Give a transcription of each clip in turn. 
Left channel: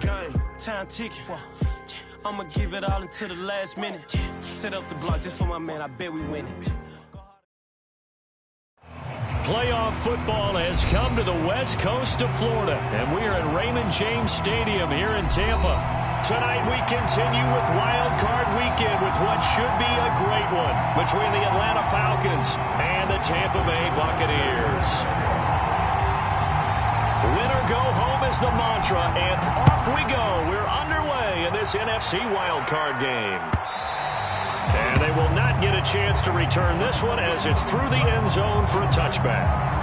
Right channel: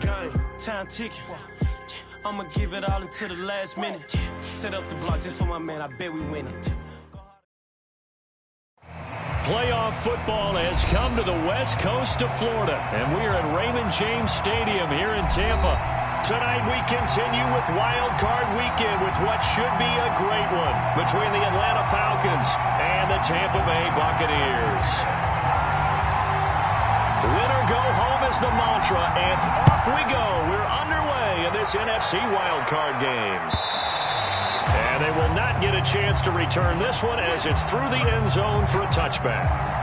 Game, time ticking. I'ma give it all until the last minute. Set up the block just for my man. I bet we win it. Playoff football has come to the west coast of Florida, and we are at Raymond James Stadium here in Tampa. Tonight we continue with Wild Card Weekend with what should be a great one between the Atlanta Falcons and the Tampa Bay Buccaneers. Win or go home is the mantra, and off we go. We're underway in this NFC Wild Card game. And they will not get a chance to return this one as it's through the end zone for a touchback.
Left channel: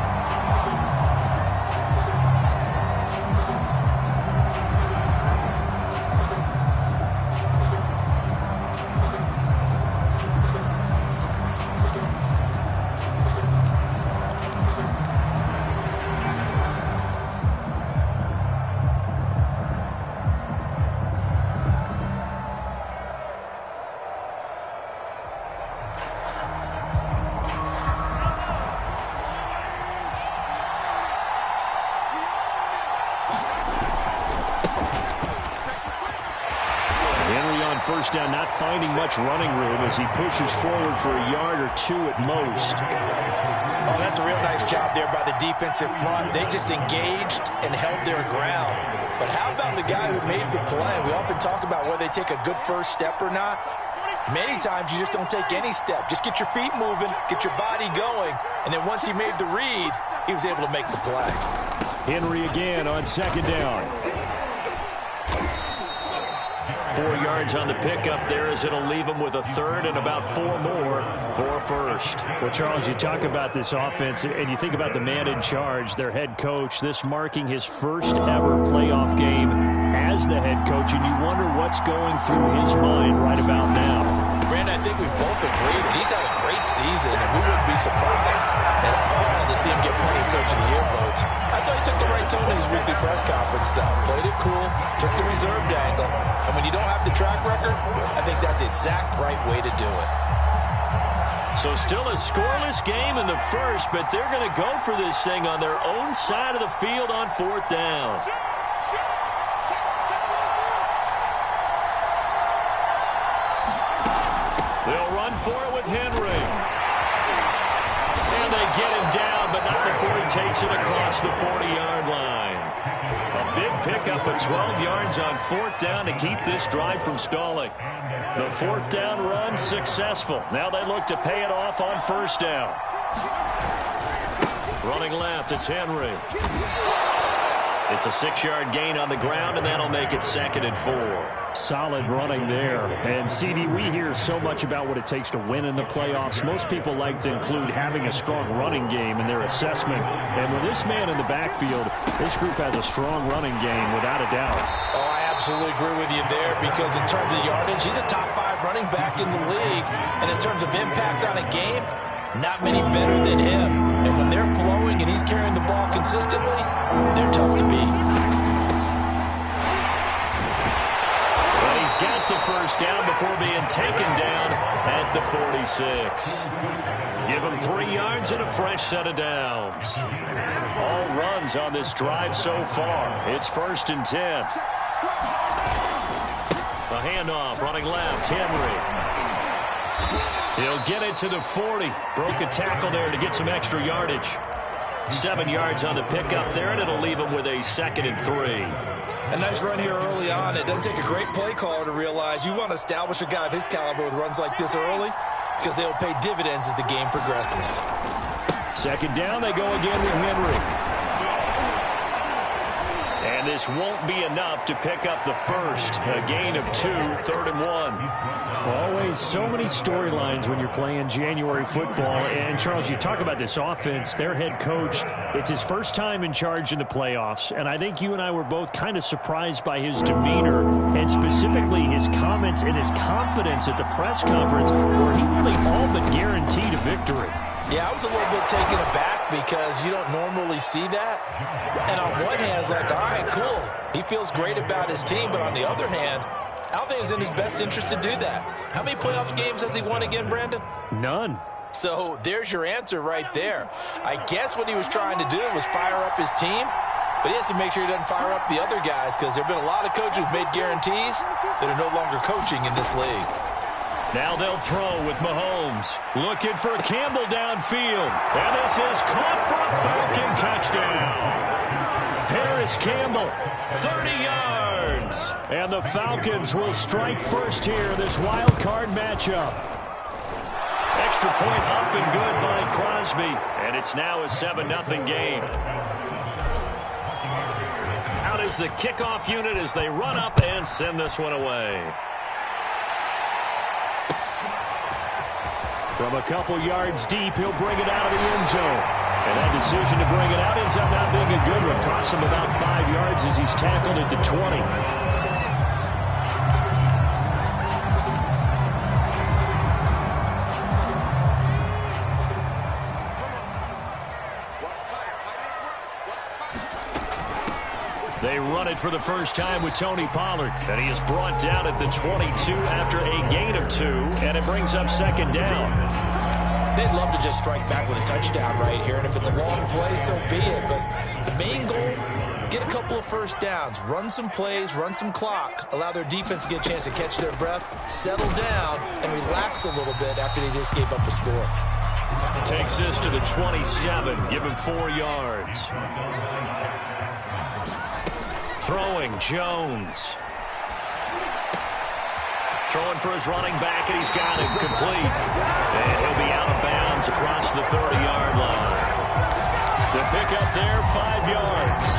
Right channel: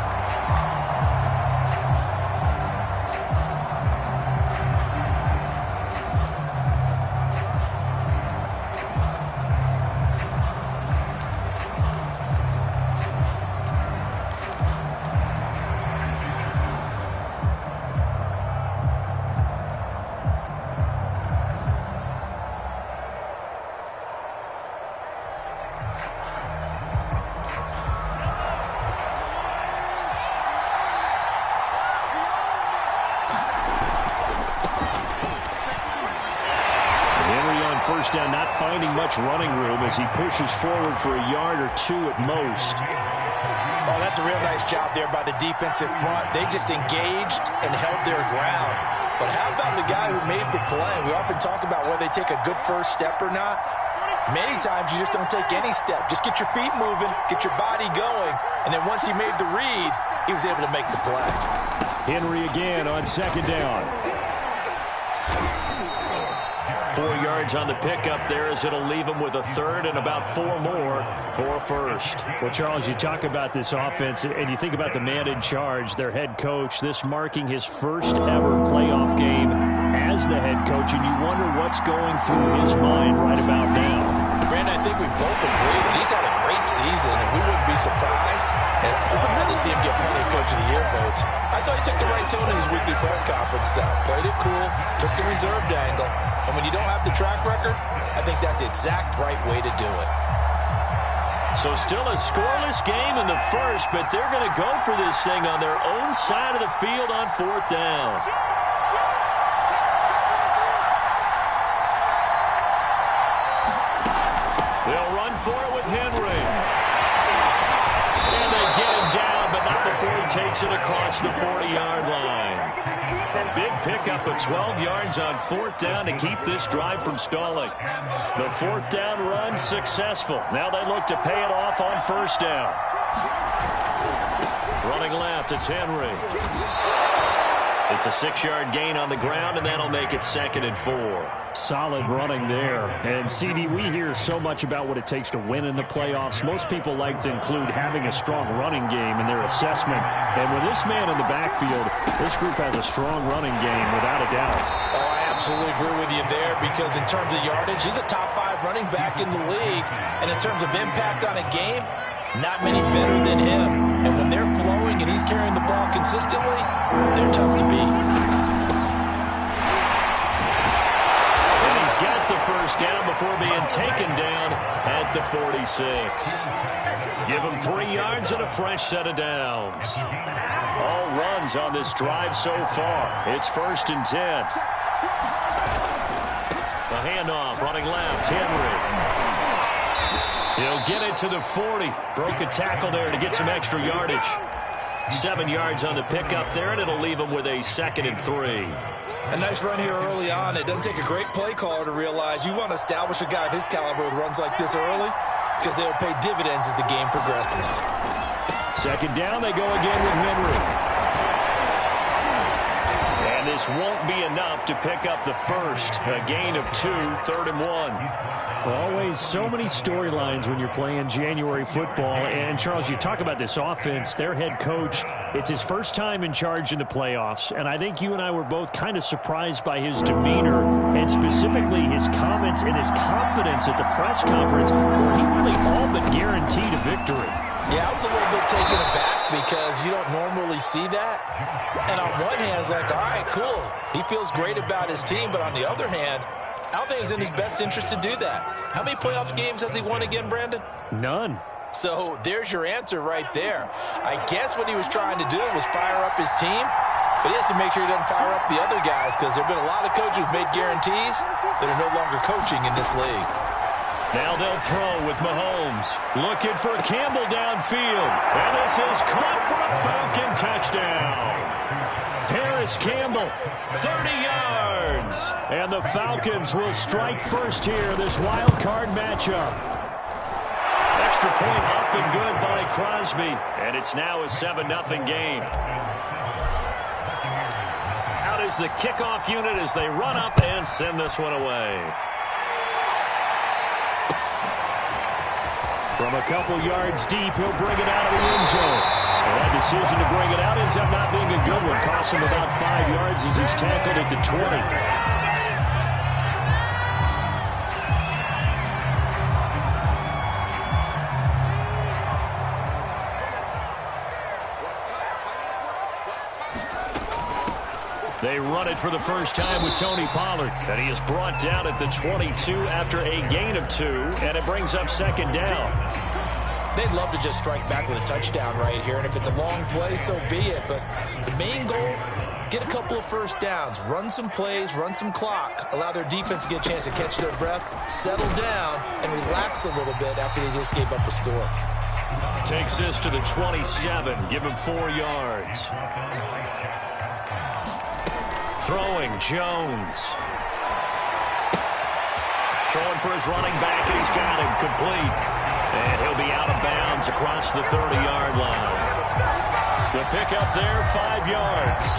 First down, not finding much running room as he pushes forward for a yard or two at most. Oh, that's a real nice job there by the defensive front. They just engaged and held their ground. But how about the guy who made the play? We often talk about whether they take a good first step or not. Many times you just don't take any step. Just get your feet moving, get your body going, and then once he made the read, he was able to make the play. Henry again on second down. 4 yards on the pickup there as it'll leave him with a third and about 4 more for a first. Well, Charles, you talk about this offense and you think about the man in charge, their head coach, this marking his first ever playoff game as the head coach, and you wonder what's going through his mind right about now. Brandon, I think we both agree that he's had a great season, and we wouldn't be surprised at all to see him get plenty of Coach of the Year votes. I thought he took the right tone in his weekly press conference, though. Played it cool, took the reserved angle, and when you don't have the track record, I think that's the exact right way to do it. So still a scoreless game in the first, but they're going to go for this thing on their own side of the field on 4th down. They'll run for it with Henry. And they get him down, but not before he takes it across the 40-yard line. A big pickup of 12 yards on 4th down to keep this drive from stalling. The 4th down run successful. Now they look to pay it off on 1st down. Running left, it's Henry. It's a 6-yard gain on the ground, and that'll make it 2nd and 4. Solid running there. And, CD, we hear so much about what it takes to win in the playoffs. Most people like to include having a strong running game in their assessment. And with this man in the backfield, this group has a strong running game without a doubt. Oh, I absolutely agree with you there because in terms of yardage, he's a top 5 running back in the league. And in terms of impact on a game, not many better than him. And when they're flowing and he's carrying the ball consistently, they're tough to beat. And he's got the first down before being taken down at the 46. Give him 3 yards and a fresh set of downs. All runs on this drive so far. It's 1st and 10. The handoff, running left, Henry. He'll get it to the 40. Broke a tackle there to get some extra yardage. 7 yards on the pickup there, and it'll leave him with a 2nd and 3. A nice run here early on. It doesn't take a great play caller to realize you want to establish a guy of his caliber with runs like this early because they'll pay dividends as the game progresses. 2nd down, they go again with Henry. And this won't be enough to pick up the first. A gain of 2, 3rd and 1. Always so many storylines when you're playing January football. And, Charles, you talk about this offense, their head coach, it's his first time in charge in the playoffs. And I think you and I were both kind of surprised by his demeanor and specifically his comments and his confidence at the press conference where he really all but guaranteed a victory. Yeah, I was a little bit taken aback because you don't normally see that. And on one hand, it's like, all right, cool. He feels great about his team. But on the other hand, I don't think it's in his best interest to do that. How many playoff games has he won again, Brandon? None. So there's your answer right there. I guess what he was trying to do was fire up his team. but he has to make sure he doesn't fire up the other guys because there have been a lot of coaches who've made guarantees that are no longer coaching in this league. Now they'll throw with Mahomes. Looking for Campbell downfield. And this is caught for a Falcon touchdown. Paris Campbell, 30 yards. And the Falcons will strike first here, this wild card matchup. Extra point up and good by Crosby. And it's now a 7-0 game. Out is the kickoff unit as they run up and send this one away. From a couple yards deep, he'll bring it out of the end zone. And that decision to bring it out ends up not being a good one. Costs him about 5 yards as he's tackled it to 20. They run it for the first time with Tony Pollard. And he is brought down at the 22 after a gain of 2. And it brings up second down. They'd love to just strike back with a touchdown right here. And if it's a long play, so be it. But the main goal, get a couple of first downs. Run some plays, run some clock. Allow their defense to get a chance to catch their breath, settle down, and relax a little bit after they just gave up a score. Takes this to the 27. Give him 4 yards. Throwing, Jones. Throwing for his running back, and he's got him complete. And he'll be out of bounds across the 30-yard line. The pickup there, 5 yards.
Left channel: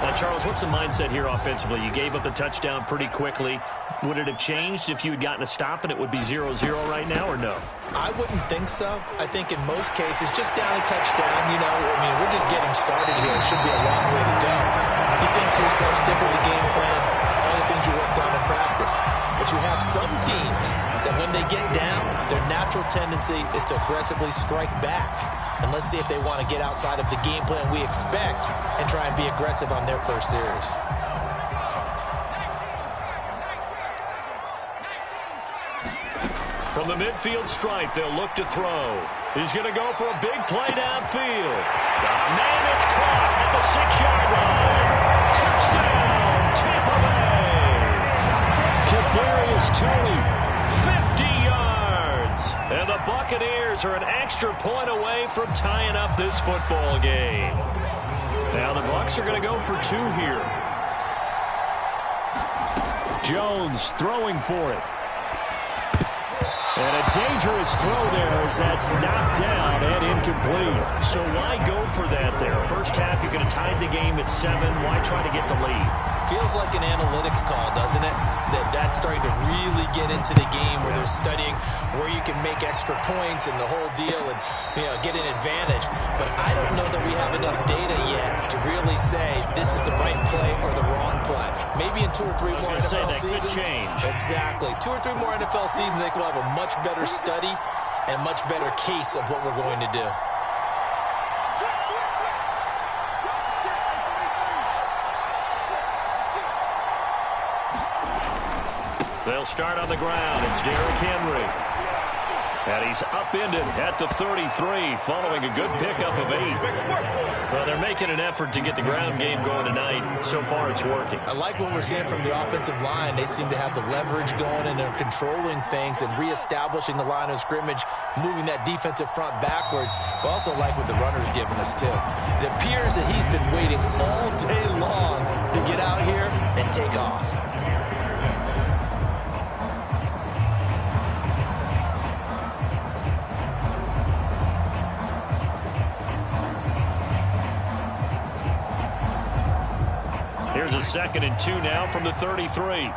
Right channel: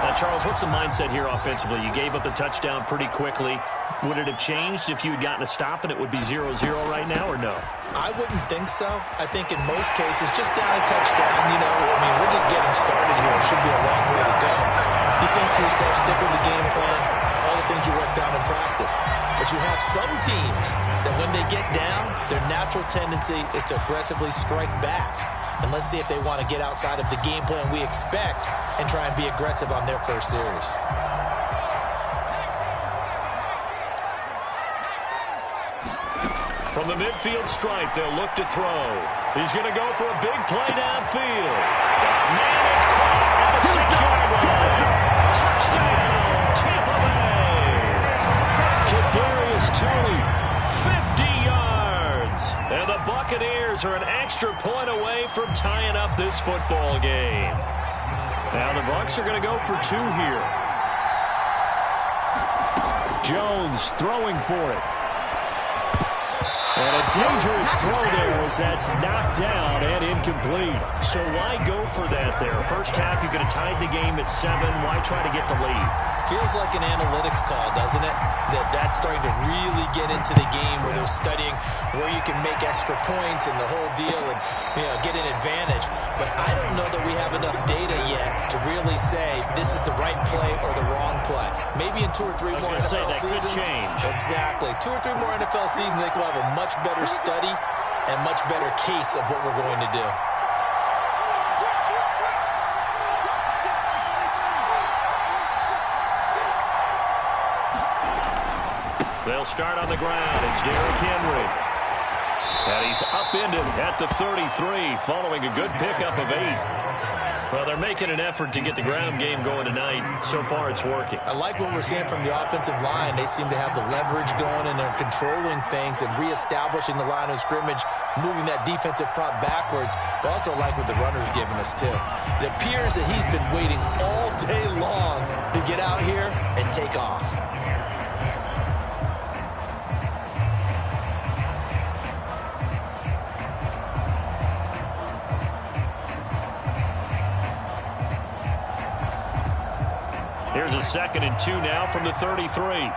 Now, Charles, what's the mindset here offensively? You gave up the touchdown pretty quickly. Would it have changed if you had gotten a stop and it would be 0-0 right now, or no? I wouldn't think so. I think in most cases, just down a touchdown, you know, I mean, we're just getting started here. It should be a long way to go. You think to yourself, stick with the game plan, all the things you worked on in practice. But you have some teams that when they get down, their natural tendency is to aggressively strike back. And let's see if they want to get outside of the game plan we expect and try and be aggressive on their first series. From the midfield stripe, they'll look to throw. He's going to go for a big play downfield. Man, it's caught at the 6-yard line. Touchdown, Tampa Bay. Kadarius Toney, 50 yards. And the Buccaneers are an extra point away from tying up this football game. Now the Bucs are going to go for 2 here. Jones throwing for it. And a dangerous throw there as that's knocked down and incomplete. So why go for that there? First half, you could have tied the game at 7. Why try to get the lead? Feels like an analytics call, doesn't it? That's starting to really get into the game where they're studying where you can make extra points and the whole deal and, you know, get an advantage. But I don't know that we have enough data yet to really say this is the right play or the wrong play. Maybe in 2 or 3 more NFL seasons. Could change. Exactly. 2 or 3 more NFL seasons, I think we'll have a much better study and much better case of what we're going to do. They'll start on the ground. It's Derrick Henry. And he's upended at the 33 following a good pickup of 8. Well, they're making an effort to get the ground game going tonight. So far, it's working. I like what we're seeing from the offensive line. They seem to have the leverage going, and they're controlling things and reestablishing the line of scrimmage, moving that defensive front backwards. But also like what the runner's giving us, too. It appears that he's been waiting all day long to get out here and take off. Here's a 2nd and 2 now from the 33.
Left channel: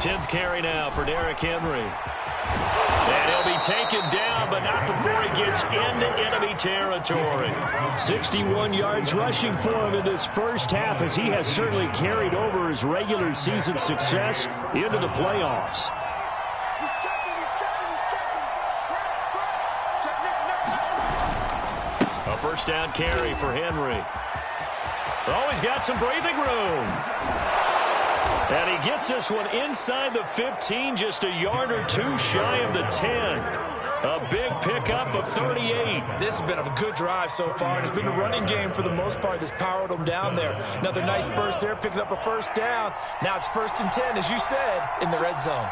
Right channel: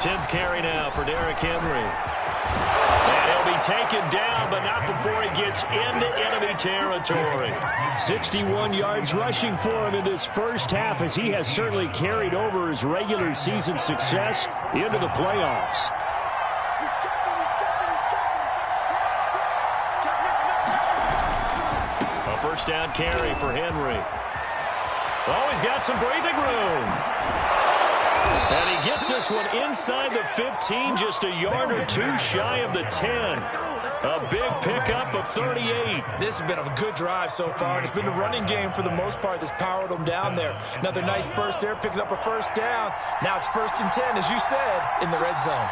Tenth carry now for Derrick Henry. And he'll be taken down, but not before he gets into enemy territory. 61 yards rushing for him in this first half, as he has certainly carried over his regular season success into the playoffs. A first down carry for Henry. Oh, he's got some breathing room. And he gets this one inside the 15, just a yard or 2 shy of the 10. A big pickup of 38. This has been a good drive so far, and it's been the running game for the most part that's powered them down there. Another nice burst there, picking up a first down. Now it's 1st and 10, as you said, in the red zone.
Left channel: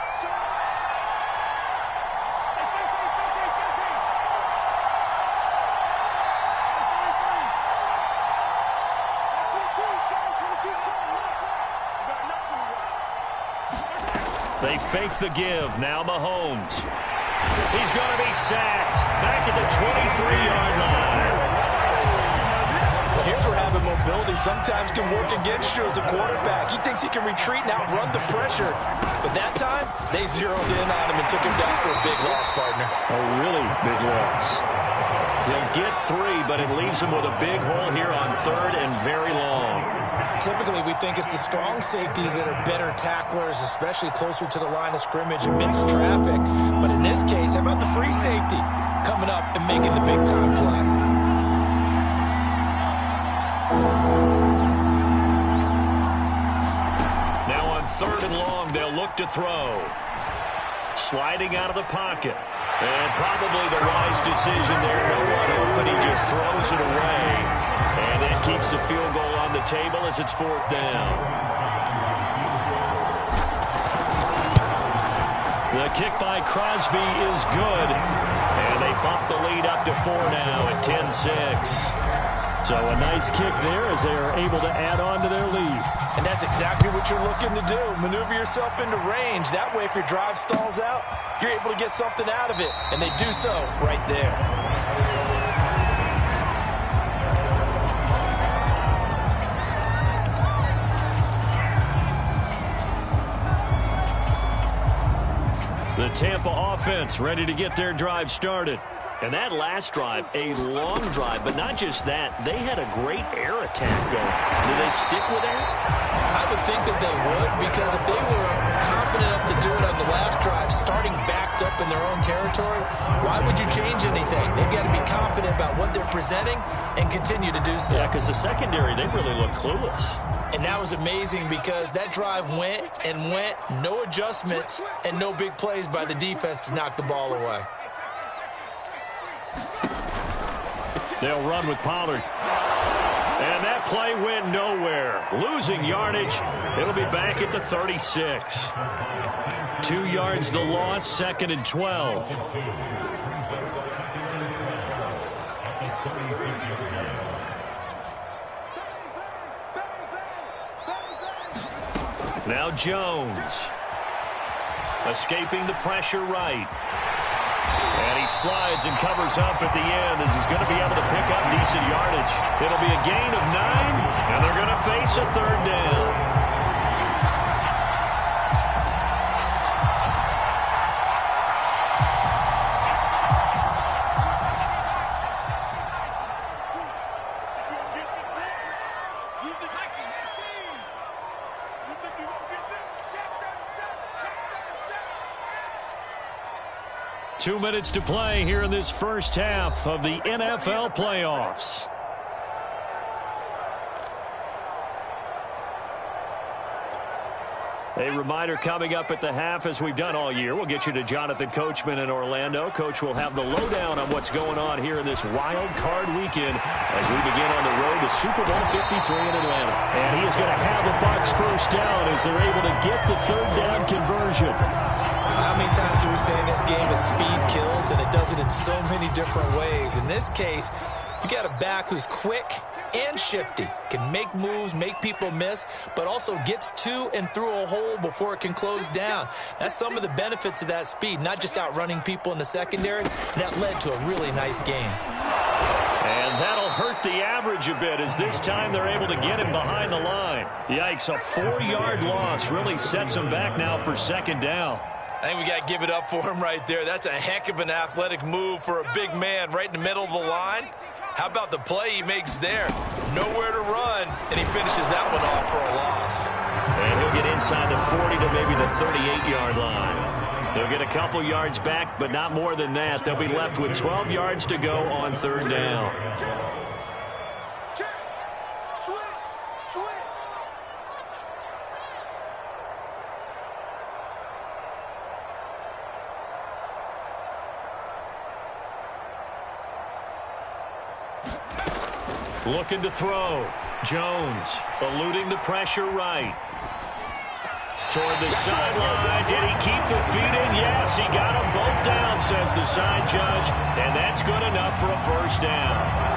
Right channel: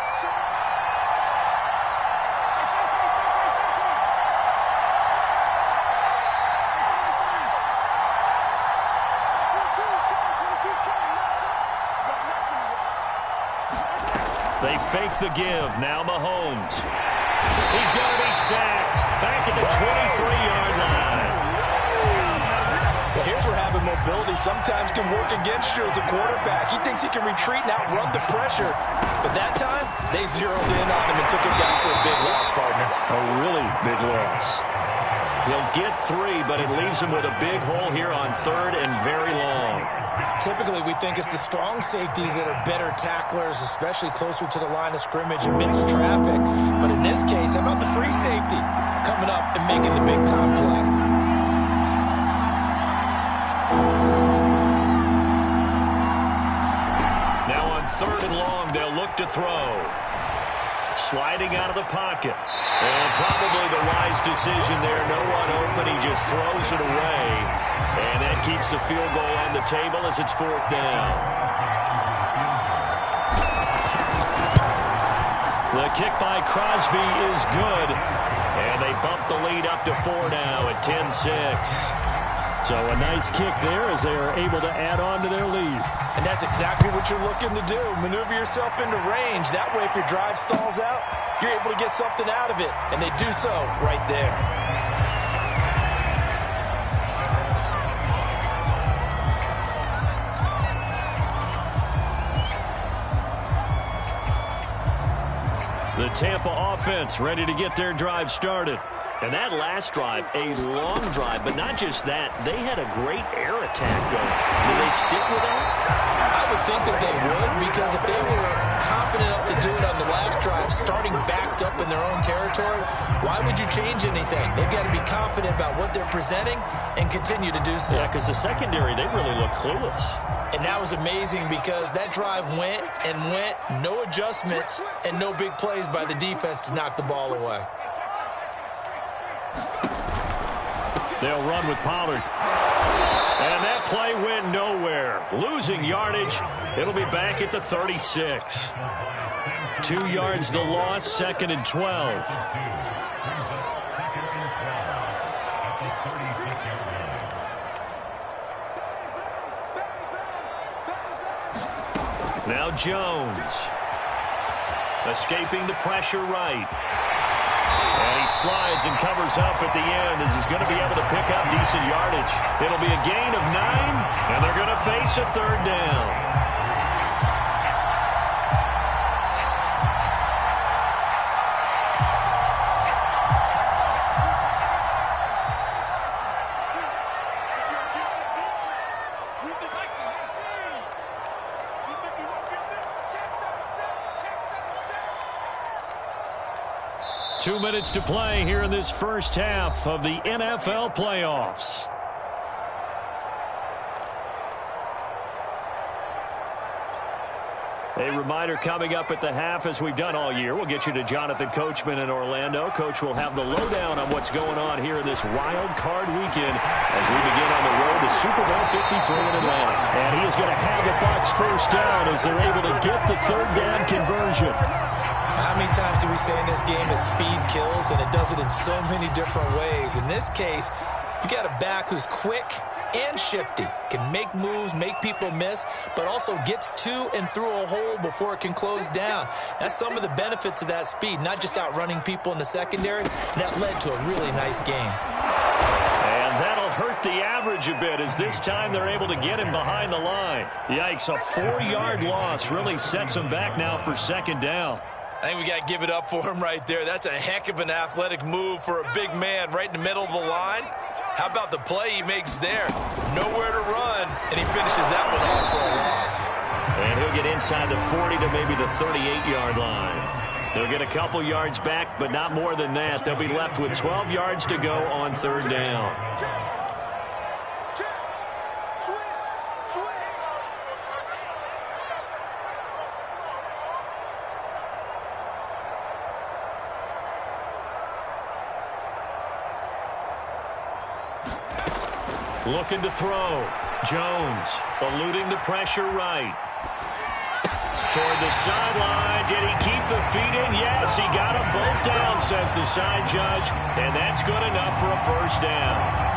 They fake the give. Now Mahomes. He's going to be sacked. Back at the 23-yard line. Well, here's where having mobility sometimes can work against you as a quarterback. He thinks he can retreat and outrun the pressure. But that time, they zeroed in on him and took him down for a big loss, partner. A really big loss. He'll get 3, but it leaves him with a big hole here on 3rd and very long. Typically, we think it's the strong safeties that are better tacklers, especially closer to the line of scrimmage amidst traffic. But in this case, how about the free safety coming up and making the big-time play? Now on 3rd and long, they'll look to throw. Sliding out of the pocket. And probably the wise decision there. No one open. He just throws it away. And that keeps the field goal on the table as it's 4th down. The kick by Crosby is good. And they bump the lead up to 4 now at 10-6. So a nice kick there as they are able to add on to their lead. And that's exactly what you're looking to do. Maneuver yourself into range. That way, if your drive stalls out, you're able to get something out of it. And they do so right there. The Tampa offense ready to get their drive started. And that last drive, a long drive, but not just that. They had a great air attack going. Do they stick with that? I would think that they would, because if they were confident enough to do it on the last drive, starting backed up in their own territory, why would you change anything? They've got to be confident about what they're presenting and continue to do so. Yeah, because the secondary, they really look clueless. And that was amazing because that drive went and went, no adjustments, and no big plays by the defense to knock the ball away. They'll run with Pollard. And that play went nowhere. Losing yardage. It'll be back at the 36. 2 yards the loss, 2nd and 12. Now Jones. Escaping the pressure right. And he slides and covers up at the end as he's going to be able to pick up decent yardage. It'll be a gain of 9, and they're going to face a 3rd down. Two minutes to play here in this first half of the NFL playoffs. A reminder coming up at the half, as we've done all year. We'll get you to Jonathan Coachman in Orlando. Coach will have the lowdown on what's going on here in this wild card weekend as we begin on the road to Super Bowl 53 in Atlanta. And he is going to have the Bucs first down as they're able to get the 3rd down conversion. How many times do we say in this game that speed kills, and it does it in so many different ways? In this case, you got a back who's quick and shifty, can make moves, make people miss, but also gets to and through a hole before it can close down. That's some of the benefits of that speed, not just outrunning people in the secondary. That led to a really nice game. And that'll hurt the average a bit as this time they're able to get him behind the line. Yikes, a 4-yard loss really sets him back now for 2nd down. I think we got to give it up for him right there. That's a heck of an athletic move for a big man right in the middle of the line. How about the play he makes there? Nowhere to run, and he finishes that one off for a loss. And he'll get inside the 40 to maybe the 38-yard line. He'll get a couple yards back, but not more than that. They'll be left with 12 yards to go on 3rd down. Looking to throw. Jones eluding the pressure right. Toward the sideline. Did he keep the feet in? Yes, he got them both down, says the side judge. And that's good enough for a first down.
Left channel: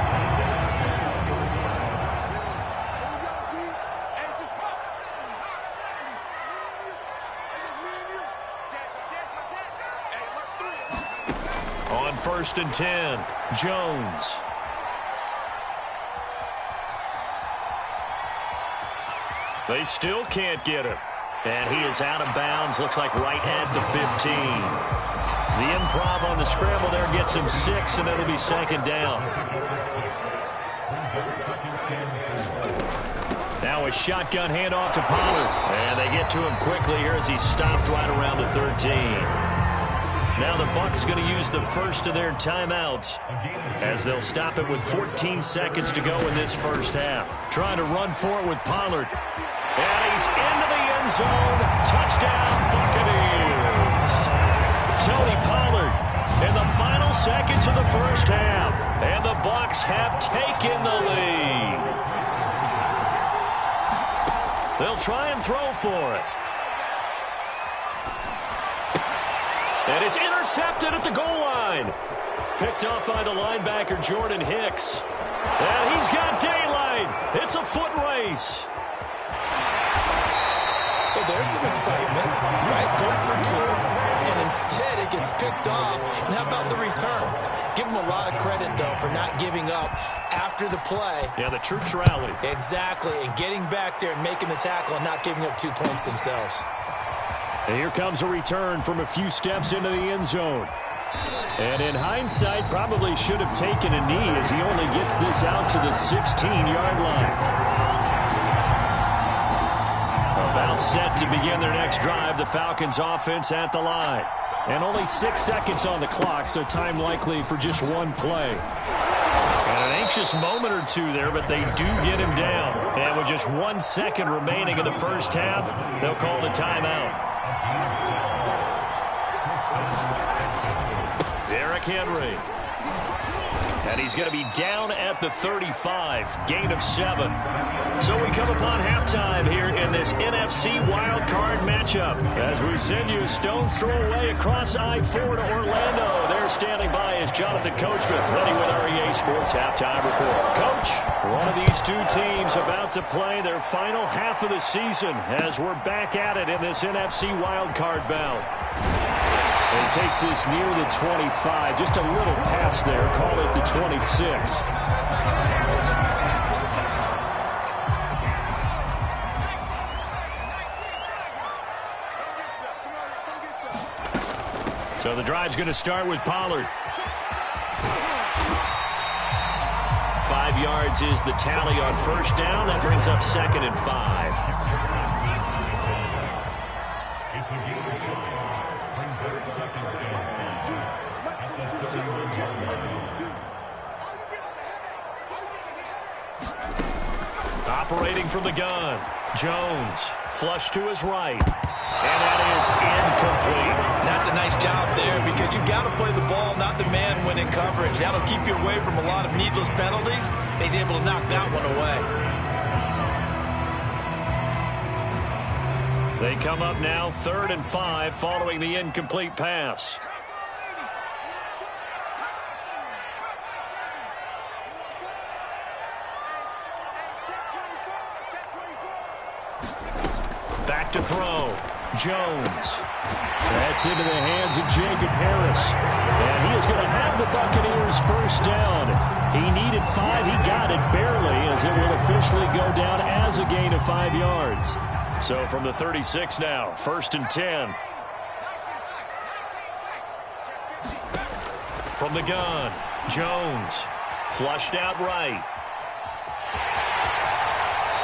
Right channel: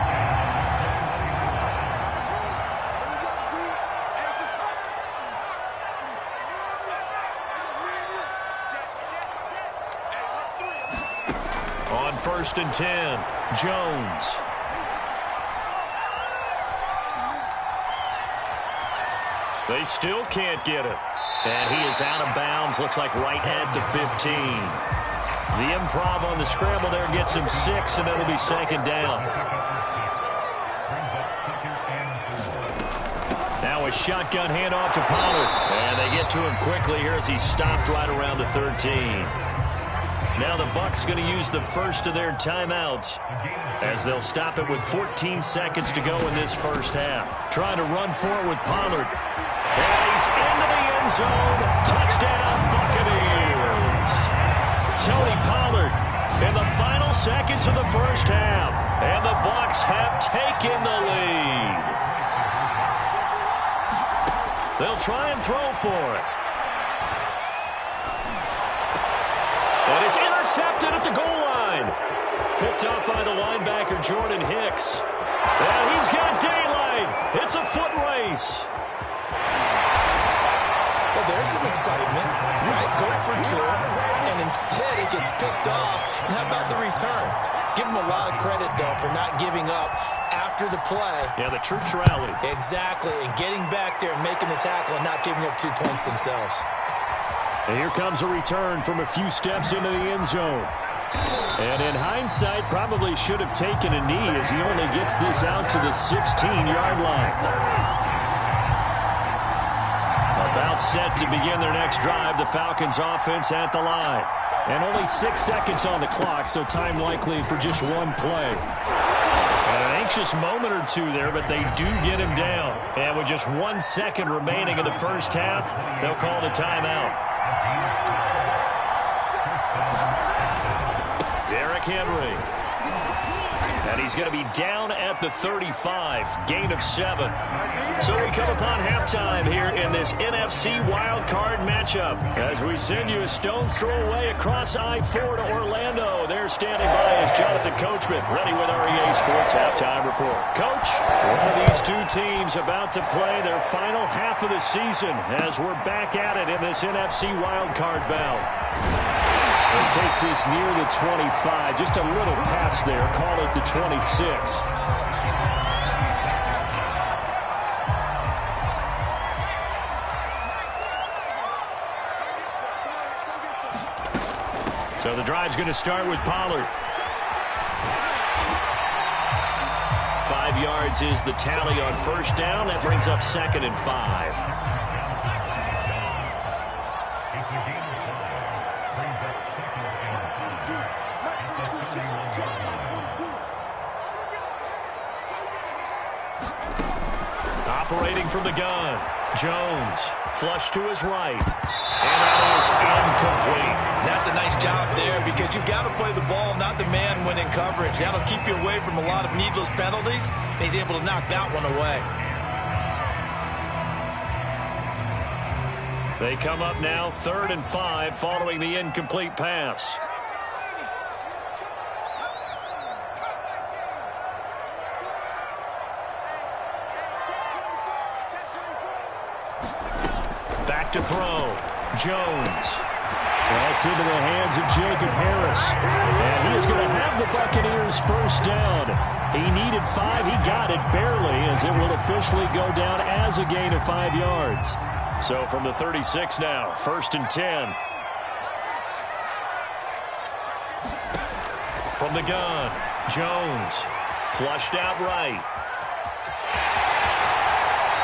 On 1st and 10, Jones. They still can't get him. And he is out of bounds, looks like right at the 15. The improv on the scramble there gets him 6, and it'll be 2nd down. Now a shotgun handoff to Pollard. And they get to him quickly here as he stopped right around the 13. Now the Bucs going to use the first of their timeouts as they'll stop it with 14 seconds to go in this first half. Trying to run for it with Pollard. And he's into the end zone. Touchdown, Buccaneers. Tony Pollard in the final seconds of the first half. And the Bucs have taken the lead. They'll try and throw for it. And it's intercepted at the goal line. Picked up by the linebacker, Jordan Hicks. And he's got daylight. It's a foot race. Well, there's some excitement, right? Go for 2, and instead it gets picked off. And how about the return? Give him a lot of credit, though, for not giving up after the play. Yeah, the troops rallied. Exactly, and getting back there and making the tackle and not giving up 2 points themselves. And here comes a return from a few steps into the end zone. And in hindsight, probably should have taken a knee as he only gets this out to the 16-yard line. About set to begin their next drive, the Falcons offense at the line. And only 6 seconds on the clock, so time likely for just one play. And an anxious moment or two there, but they do get him down. And with just 1 second remaining in the first half, they'll call the timeout. Derrick Henry. And he's going to be down at the 35, gain of 7. So we come upon halftime here in this NFC wildcard matchup as we send you a stone's throw away across I-4 to Orlando. There standing by is Jonathan Coachman, ready with our EA Sports Halftime Report. Coach, one of these two teams about to play their final half of the season as we're back at it in this NFC wildcard bout. And takes this near the 25. Just a little pass there. Call it the 26. So the drive's going to start with Pollard. 5 yards is the tally on first down. That brings up 2nd and 5. Operating from the gun, Jones, flush to his right, and that is incomplete. That's a nice job there because you've got to play the ball, not the man when in coverage. That'll keep you away from a lot of needless penalties, and he's able to knock that one away. They come up now 3rd and 5 following the incomplete pass. Back to throw. Jones. That's into the hands of Jacob Harris. And he is going to have the Buccaneers first down. He needed 5. He got it barely as it will officially go down as a gain of 5 yards. So from the 36 now, 1st and 10. From the gun, Jones. Flushed out right.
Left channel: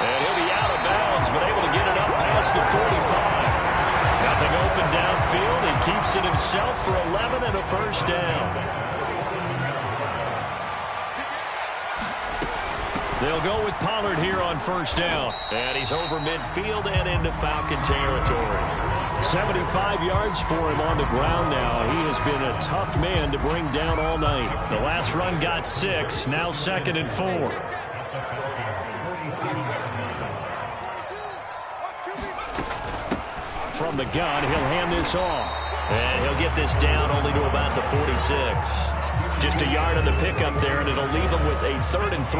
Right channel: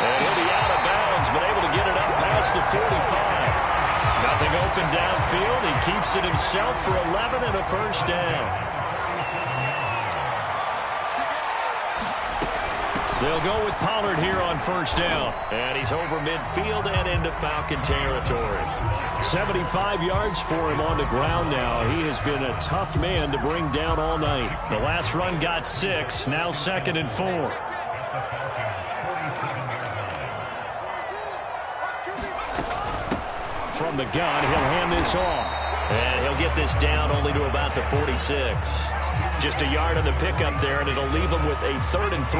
And he'll be out of bounds, but able to get it up past the 45. Nothing open downfield. He keeps it himself for 11 and a first down. They'll go with Pollard here on first down. And he's over midfield and into Falcon territory. 75 yards for him on the ground now. He has been a tough man to bring down all night. The last run got 6, now 2nd and 4. From the gun, he'll hand this off. And he'll get this down only to about the 46. Just a yard on the pickup there, and it'll leave him with a 3rd and 3.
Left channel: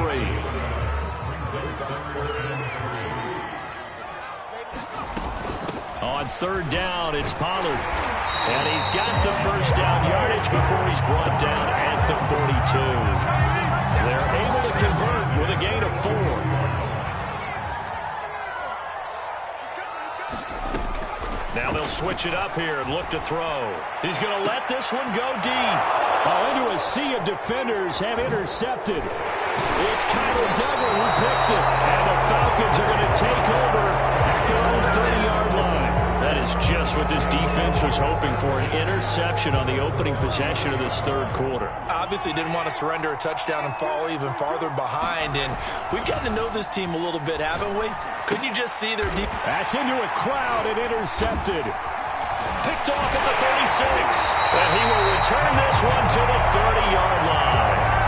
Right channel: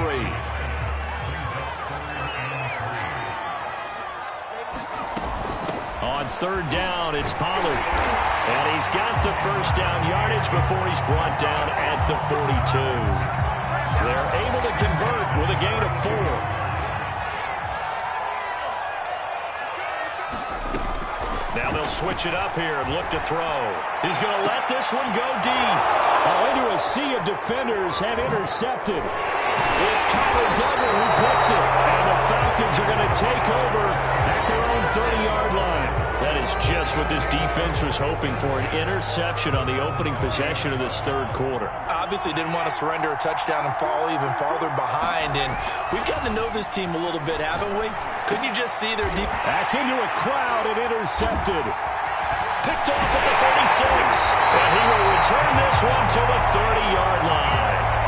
On 3rd down, it's Pollard. And he's got the first down yardage before he's brought down at the 42. They're able to convert with a gain of 4. Now they'll switch it up here and look to throw. He's going to let this one go deep. Oh, into a sea of defenders and intercepted. It's Kyler Duggar who picks it. And the Falcons are going to take over at their own 30-yard line. That is just what this defense was hoping for, an interception on the opening possession of this 3rd quarter. Obviously didn't want to surrender a touchdown and fall even farther behind. And we've gotten to know this team a little bit, haven't we? Couldn't you just see their deep... That's into a crowd and intercepted. Picked off at the 36. And he will return this one to the 30-yard line.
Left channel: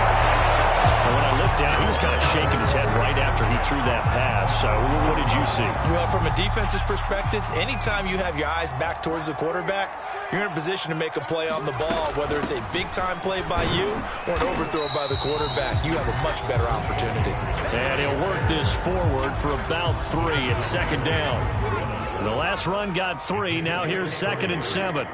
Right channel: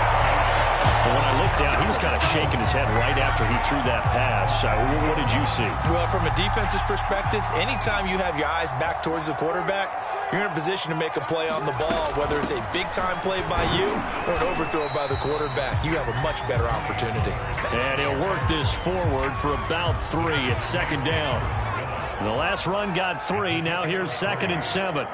And when I looked down, he was kind of shaking his head right after he threw that pass. What did you see? Well, from a defense's perspective, anytime you have your eyes back towards the quarterback, you're in a position to make a play on the ball, whether it's a big-time play by you or an overthrow by the quarterback. You have a much better opportunity. And he'll work this forward for about 3 at 2nd down. The last run got 3. Now here's 2nd and 7.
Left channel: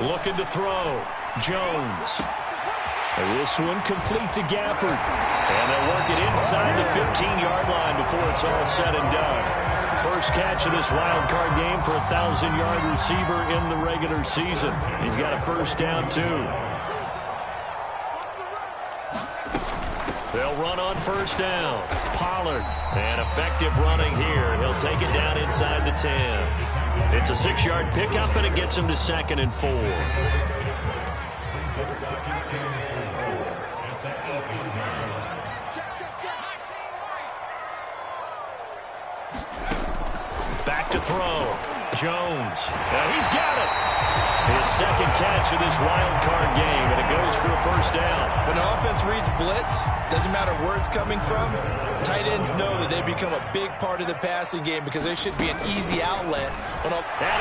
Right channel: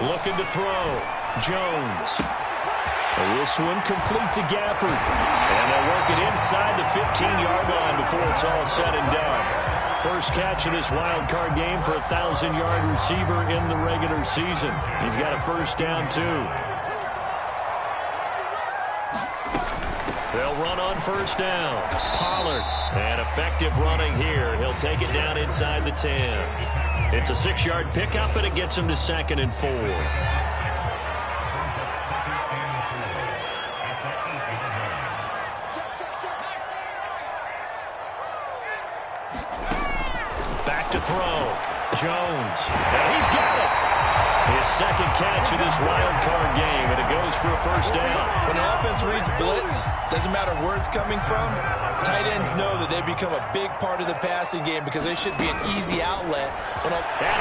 Looking to throw. Jones. And this one complete to Gafford. And they'll work it inside the 15-yard line before it's all said and done. First catch of this wild card game for a 1,000-yard receiver in the regular season. He's got a first down, too. They'll run on first down. Pollard. And effective running here. He'll take it down inside the 10. It's a 6-yard pickup, and it gets him to 2nd and 4. Back to throw. Jones. And he's got it. His 2nd catch of this wild card game, and it goes for a first down. When the offense reads blitz, doesn't matter where it's coming from, tight ends know that they become a big part of the passing game because they should be an easy outlet. And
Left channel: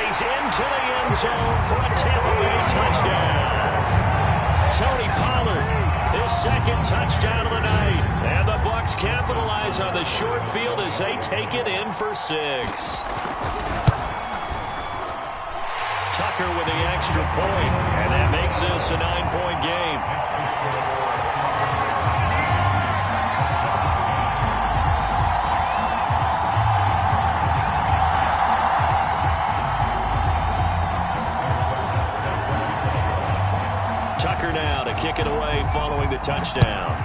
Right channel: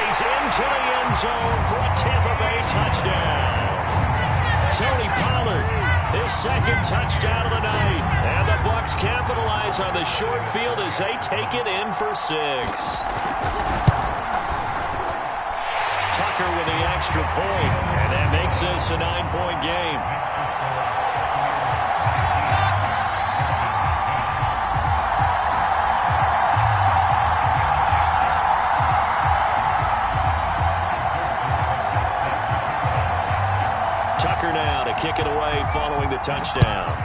he's into the end zone for a Tampa Bay touchdown. Tony Pollard, his 2nd touchdown of the night. And the Bucs capitalize on the short field as they take it in for 6. Tucker with the extra point, and that makes this a 9-point game. Tucker now to kick it away following the touchdown.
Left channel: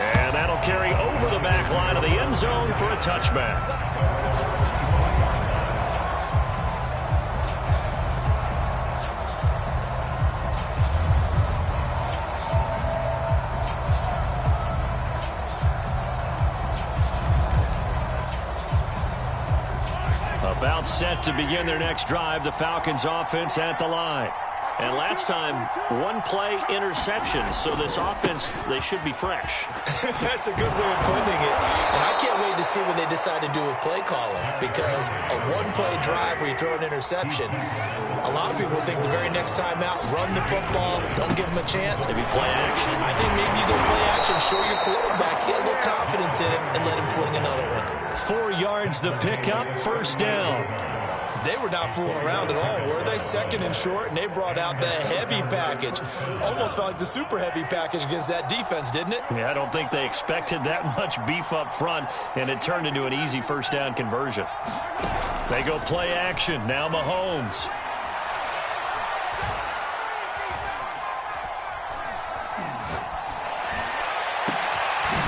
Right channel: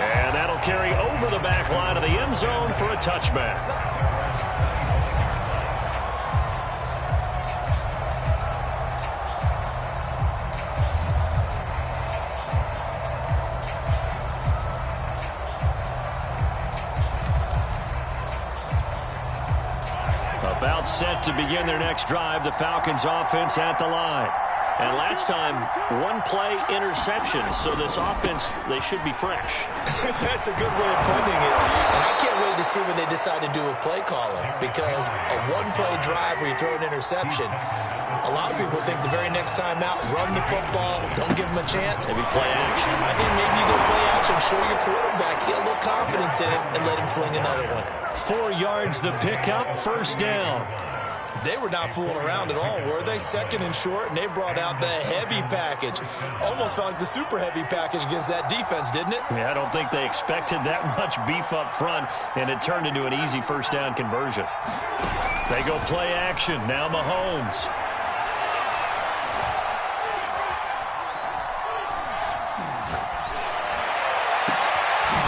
And that'll carry over the back line of the end zone for a touchback. About set to begin their next drive, the Falcons offense at the line. And last time, 1-play interception, so this offense, they should be fresh. That's a good way of putting it. And I can't wait to see what they decide to do with play calling, because a 1-play drive where you throw an interception, a lot of people think the very next time out, run the football, don't give them a chance. Maybe play action. I think maybe you go play action, show your quarterback, get a little confidence in it, and let him fling another one. 4 yards the pickup, first down. They were not fooling around at all, were they? 2nd and short, and they brought out the heavy package. Almost felt like the super heavy package against that defense, didn't it? Yeah, I don't think they expected that much beef up front, and it turned into an easy first down conversion. They go play action. Now Mahomes.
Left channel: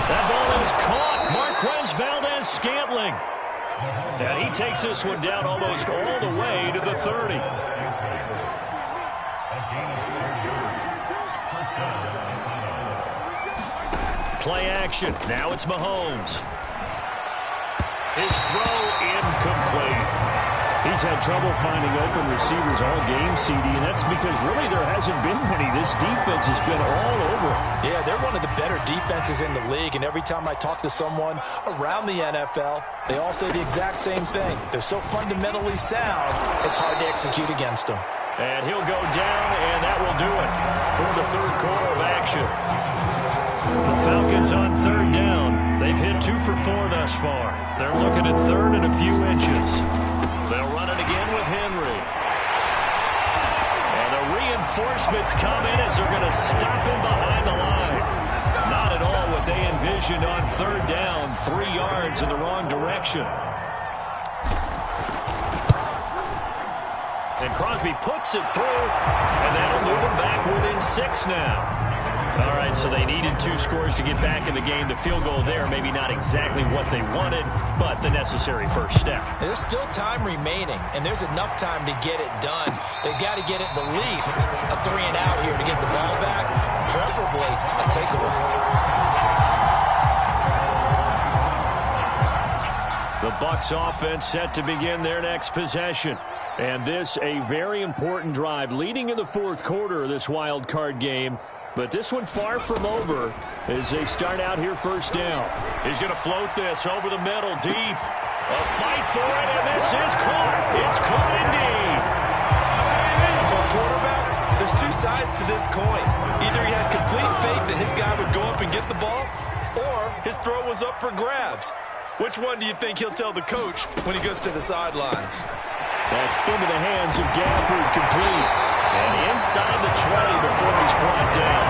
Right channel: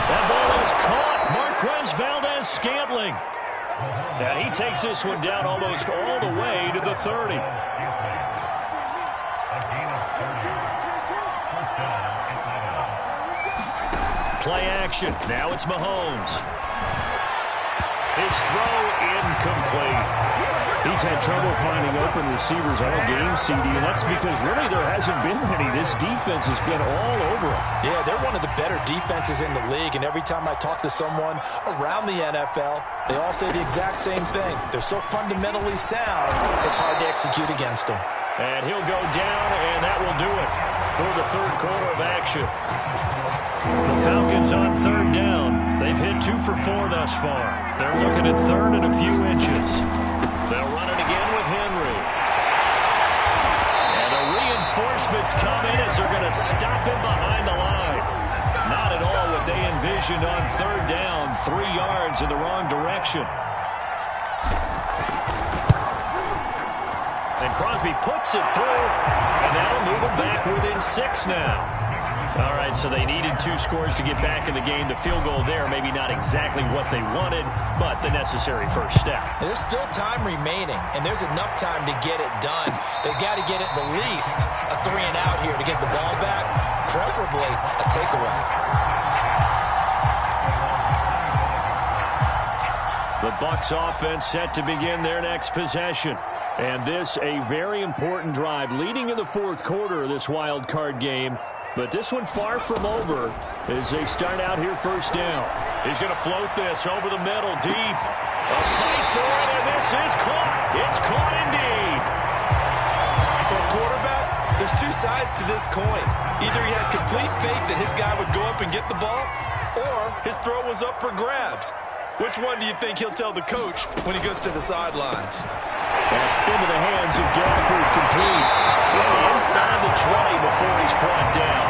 That ball is caught. Marquez Valdez-Scantling. And he takes this one down almost all the way to the 30. Play action. Now it's Mahomes. His throw incomplete. He's had trouble finding open receivers all game, CD, and that's because really there hasn't been many. This defense has been all over him. Yeah, they're one of the better defenses in the league, and every time I talk to someone around the NFL, they all say the exact same thing. They're so fundamentally sound, it's hard to execute against them. And he'll go down, and that will do it for the third quarter of action. The Falcons on third down. They've hit 2 for 4 thus far. They're looking at third and a few inches. They'll run it again with Henry. And the reinforcements come in as they're going to stop him behind the line. Not at all what they envisioned on third down. 3 yards in the wrong direction. And Crosby puts it through, and that'll move them back within 6 now. All right, so they needed 2 scores to get back in the game. The field goal there, maybe not exactly what they wanted, but the necessary first step. There's still time remaining, and there's enough time to get it done. They've got to get it the least a 3 and out here to get the ball back, preferably a takeaway. The Bucs offense set to begin their next possession. And this a very important drive leading in the fourth quarter of this wild card game. But this one far from over as they start out here first down. He's going to float this over the middle, deep. A fight for it, and this is caught. It's caught indeed. For a quarterback, there's 2 sides to this coin. Either he had complete faith that his guy would go up and get the ball, or his throw was up for grabs. Which one do you think he'll tell the coach when he goes to the sidelines? That's into the hands of Gafford, complete. And inside the 20 before he's brought down.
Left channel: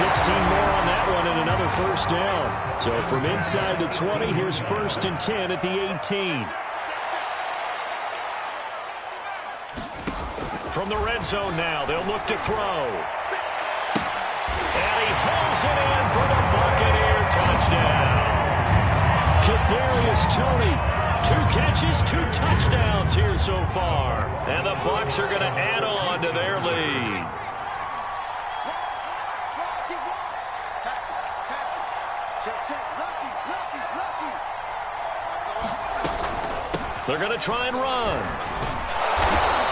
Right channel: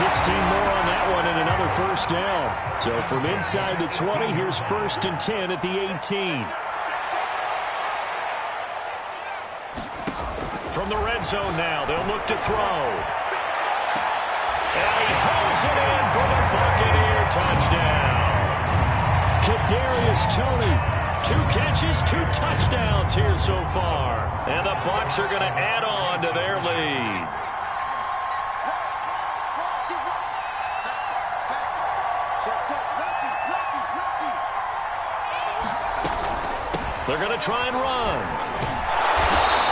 16 more on that one and another first down. So from inside the 20, here's 1st and 10 at the 18. From the red zone now, they'll look to throw. And he hauls it in for the Buccaneer touchdown. Kadarius Toney. 2 catches, 2 touchdowns here so far. And the Bucs are going to add on to their lead. They're going to try and run.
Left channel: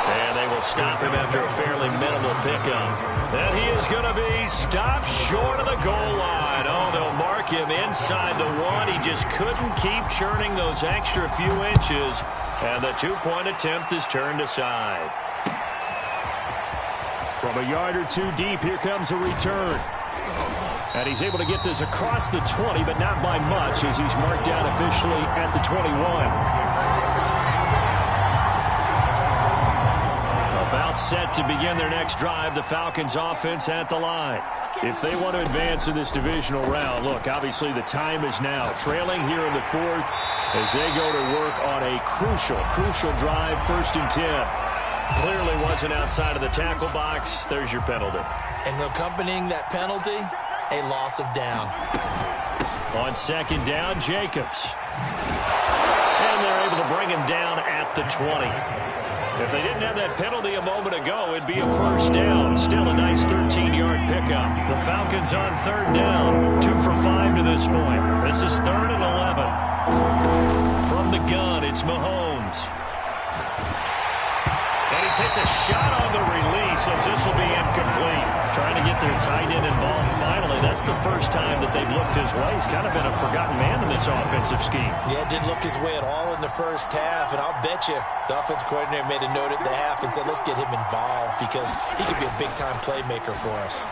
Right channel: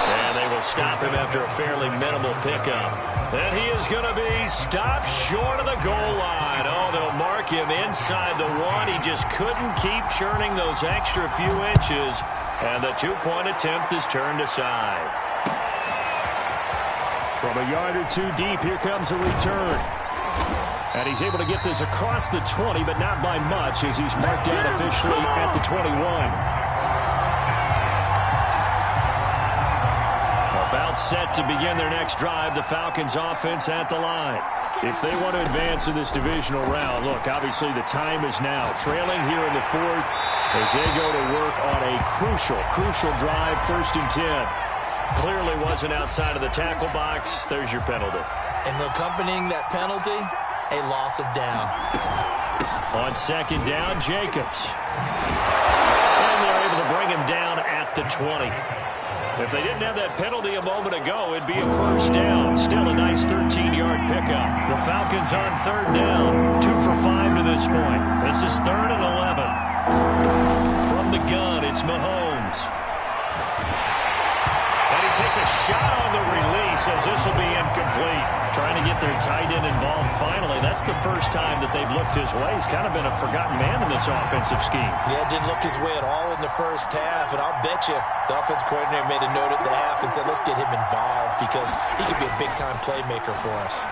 And they will stop him after a fairly minimal pickup. And he is going to be stopped short of the goal line. Oh, they'll mark him inside the 1. He just couldn't keep churning those extra few inches. And the 2-point attempt is turned aside. From a yard or 2 deep, here comes a return. And he's able to get this across the 20, but not by much as he's marked down officially at the 21. About set to begin their next drive, the Falcons offense at the line. If they want to advance in this divisional round, look, obviously the time is now. Trailing here in the 4th as they go to work on a crucial drive, 1st and 10. Clearly wasn't outside of the tackle box. There's your penalty. And accompanying that penalty, a loss of down. On 2nd down, Jacobs. And they're able to bring him down at the 20. If they didn't have that penalty a moment ago, it'd be a first down. Still a nice 13-yard pickup. The Falcons on 3rd down, 2 for 5 to this point. This is 3rd and 11. From the gun, it's Mahomes. And he takes a shot on the release as this will be incomplete. Trying to get their tight end involved finally. That's the first time that they've looked his way. He's kind of been a forgotten man in this offensive scheme. Yeah, didn't look his way at all in the first half. And I'll bet you the offense coordinator made a note at the half and said, let's get him involved because he could be a big-time playmaker for us.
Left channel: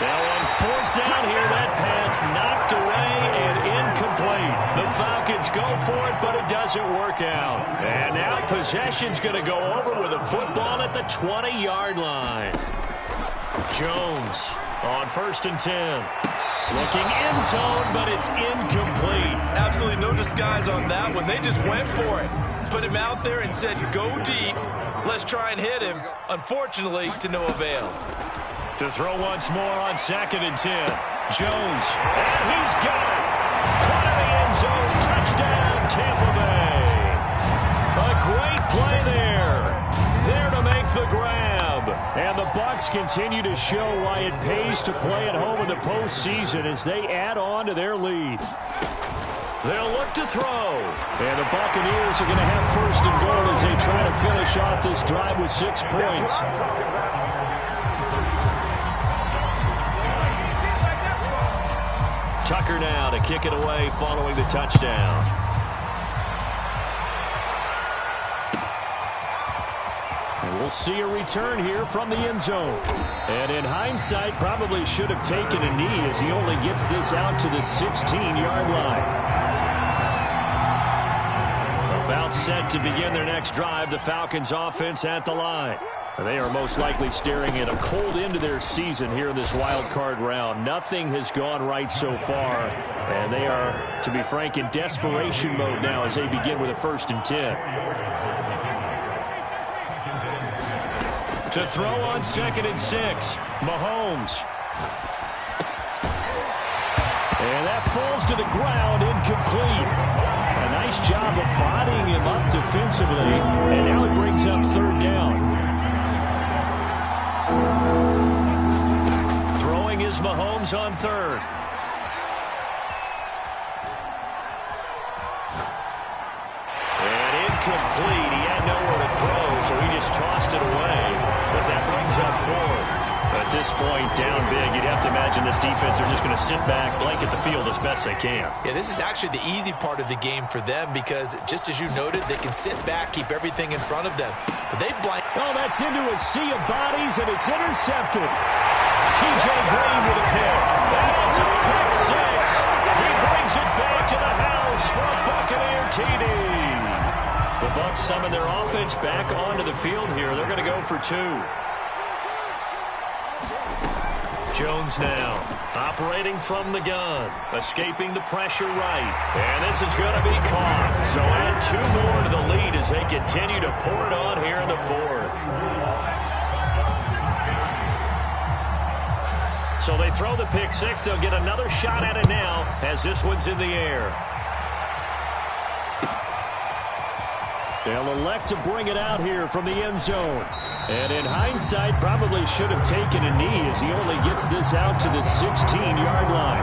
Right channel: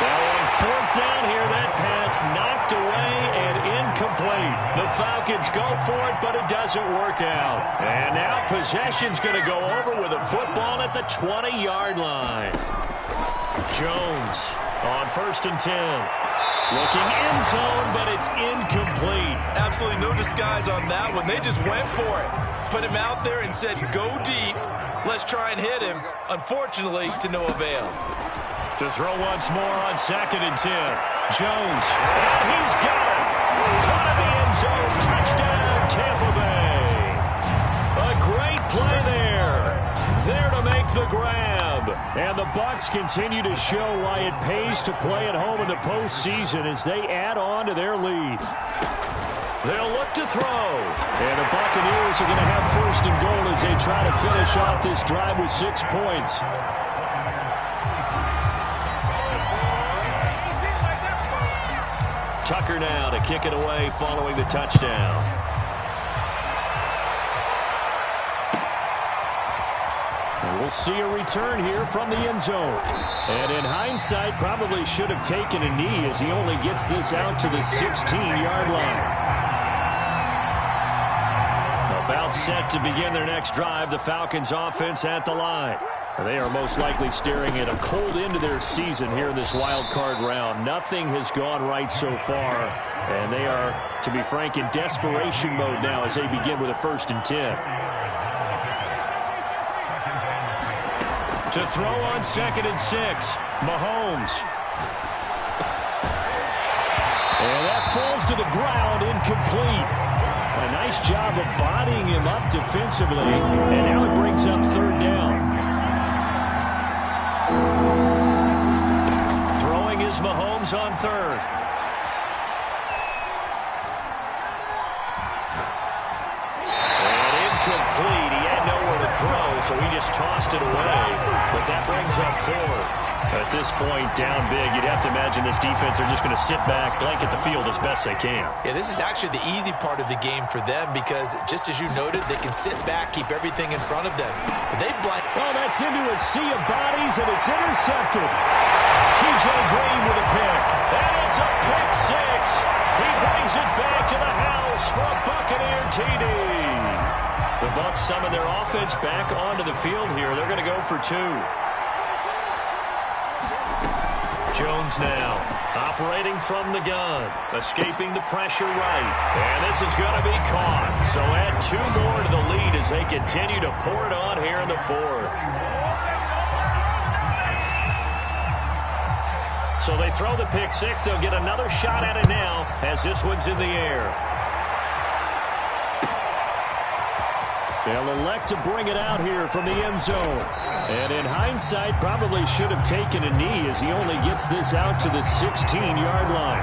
Now on 4th down here, that pass knocked away and incomplete. The Falcons go for it, but it doesn't work out. And now possession's going to go over with a football at the 20-yard line. Jones on 1st and 10. Looking end zone, but it's incomplete. Absolutely no disguise on that one. They just went for it. Put him out there and said, go deep. Let's try and hit him. Unfortunately, to no avail. To throw once more on 2nd and 10. Jones, and he's got it. Caught in the end zone. Touchdown, Tampa Bay. A great play there. There to make the grab. And the Bucs continue to show why it pays to play at home in the postseason as they add on to their lead. They'll look to throw. And the Buccaneers are going to have first and goal as they try to finish off this drive with 6 points. Tucker now to kick it away following the touchdown. And we'll see a return here from the end zone. And in hindsight, probably should have taken a knee as he only gets this out to the 16-yard line. About set to begin their next drive, the Falcons offense at the line. They are most likely staring at a cold end to their season here in this wild card round. Nothing has gone right so far, and they are, to be frank, in desperation mode now as they begin with a 1st and 10. To throw on 2nd and 6, Mahomes. And that falls to the ground, incomplete. A nice job of bodying him up defensively, and now it brings up 3rd down. Throwing is Mahomes on 3rd. And incomplete. He had nowhere to throw, so he just tossed it away. But that brings up 4th. At this point, down big, you'd have to imagine this defense are just going to sit back, blanket the field as best they can. Yeah, this is actually the easy part of the game for them because, just as you noted, they can sit back, keep everything in front of them. But they blank. Oh, that's into a sea of bodies, and it's intercepted. T.J. Green with a pick. And it's a pick 6. He brings it back to the house for a Buccaneer TD. The Bucs summon their offense back onto the field here. They're going to go for 2. Jones now, operating from the gun, escaping the pressure right. And this is going to be caught. So add 2 more to the lead as they continue to pour it on here in the 4th. So they throw the pick 6. They'll get another shot at it now as this one's in the air. They'll elect to bring it out here from the end zone. And in hindsight, probably should have taken a knee as he only gets this out to the 16-yard line.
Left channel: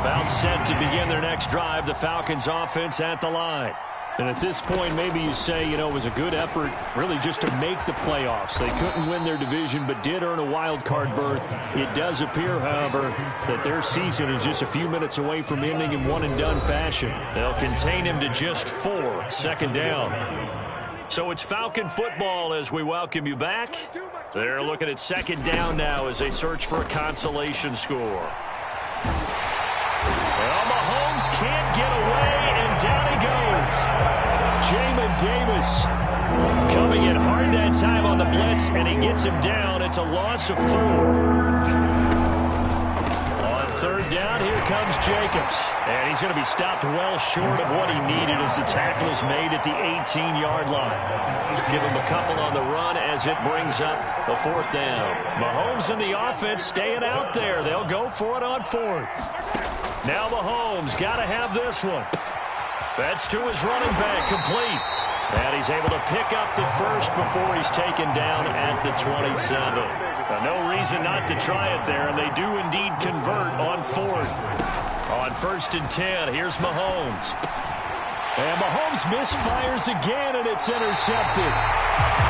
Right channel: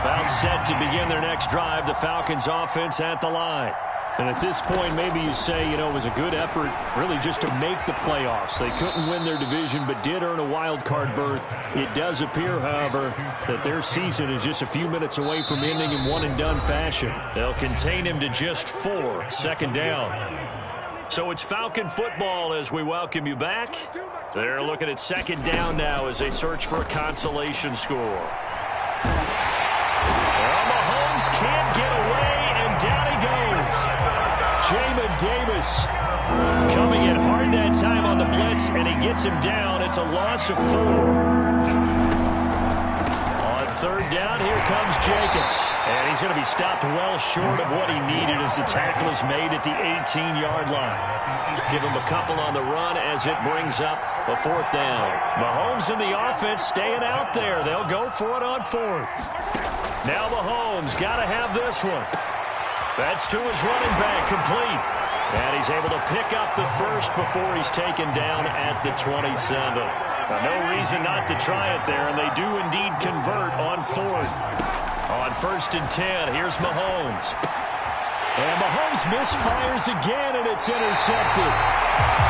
About set to begin their next drive, the Falcons offense at the line. And at this point, maybe you say, you know, it was a good effort really just to make the playoffs. They couldn't win their division, but did earn a wild card berth. It does appear, however, that their season is just a few minutes away from ending in one-and-done fashion. They'll contain him to just 4, 2nd down. So it's Falcon football as we welcome you back. They're looking at 2nd down now as they search for a consolation score. Well, Mahomes can't get away, and down he goes. Jamin Davis coming in hard that time on the blitz, and he gets him down. It's a loss of 4. On 3rd down, here comes Jacobs. And he's going to be stopped well short of what he needed as the tackle is made at the 18-yard line. Give him a couple on the run as it brings up a 4th down. Mahomes and the offense staying out there. They'll go for it on 4th. Now Mahomes got to have this one. That's to his running back, complete. And he's able to pick up the 1st before he's taken down at the 27. Now, no reason not to try it there, and they do indeed convert on 4th. On 1st and 10, here's Mahomes. And Mahomes misfires again, and it's intercepted.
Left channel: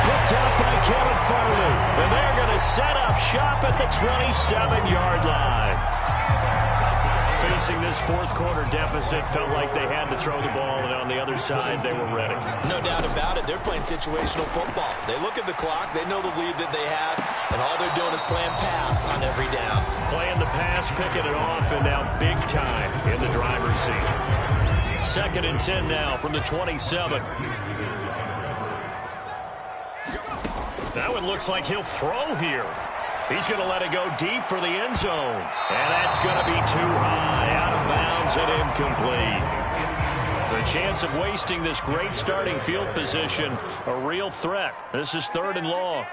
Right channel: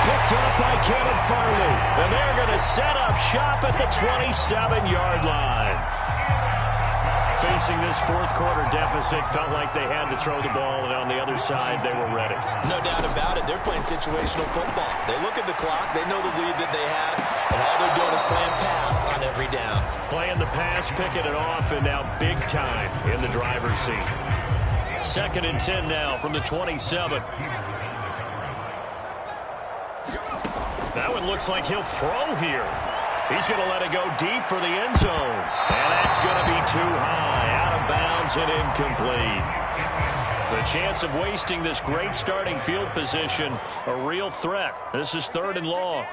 Picked up by Kevin Farley. And they're going to set up shop at the 27-yard line. Facing this 4th quarter deficit, felt like they had to throw the ball, and on the other side, they were ready. No doubt about it. They're playing situational football. They look at the clock. They know the lead that they have, and all they're doing is playing pass on every down. Playing the pass, picking it off, and now big time in the driver's seat. 2nd and 10 now from the 27. That one looks like he'll throw here. He's going to let it go deep for the end zone. And that's going to be too high, out of bounds and incomplete. The chance of wasting this great starting field position, a real threat. This is 3rd and long.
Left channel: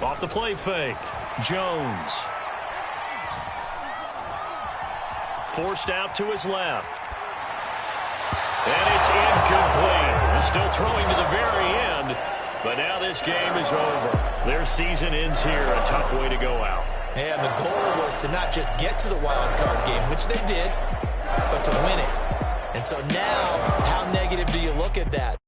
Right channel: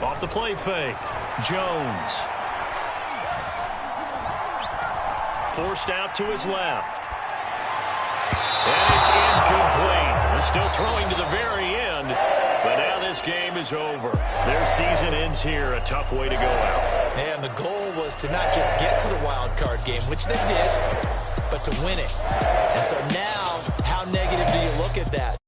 Off the play fake, Jones. Forced out to his left. And it's incomplete. Still throwing to the very end. But now this game is over. Their season ends here. A tough way to go out. And the goal was to not just get to the wild card game, which they did, but to win it. And so now, how negative do you look at that?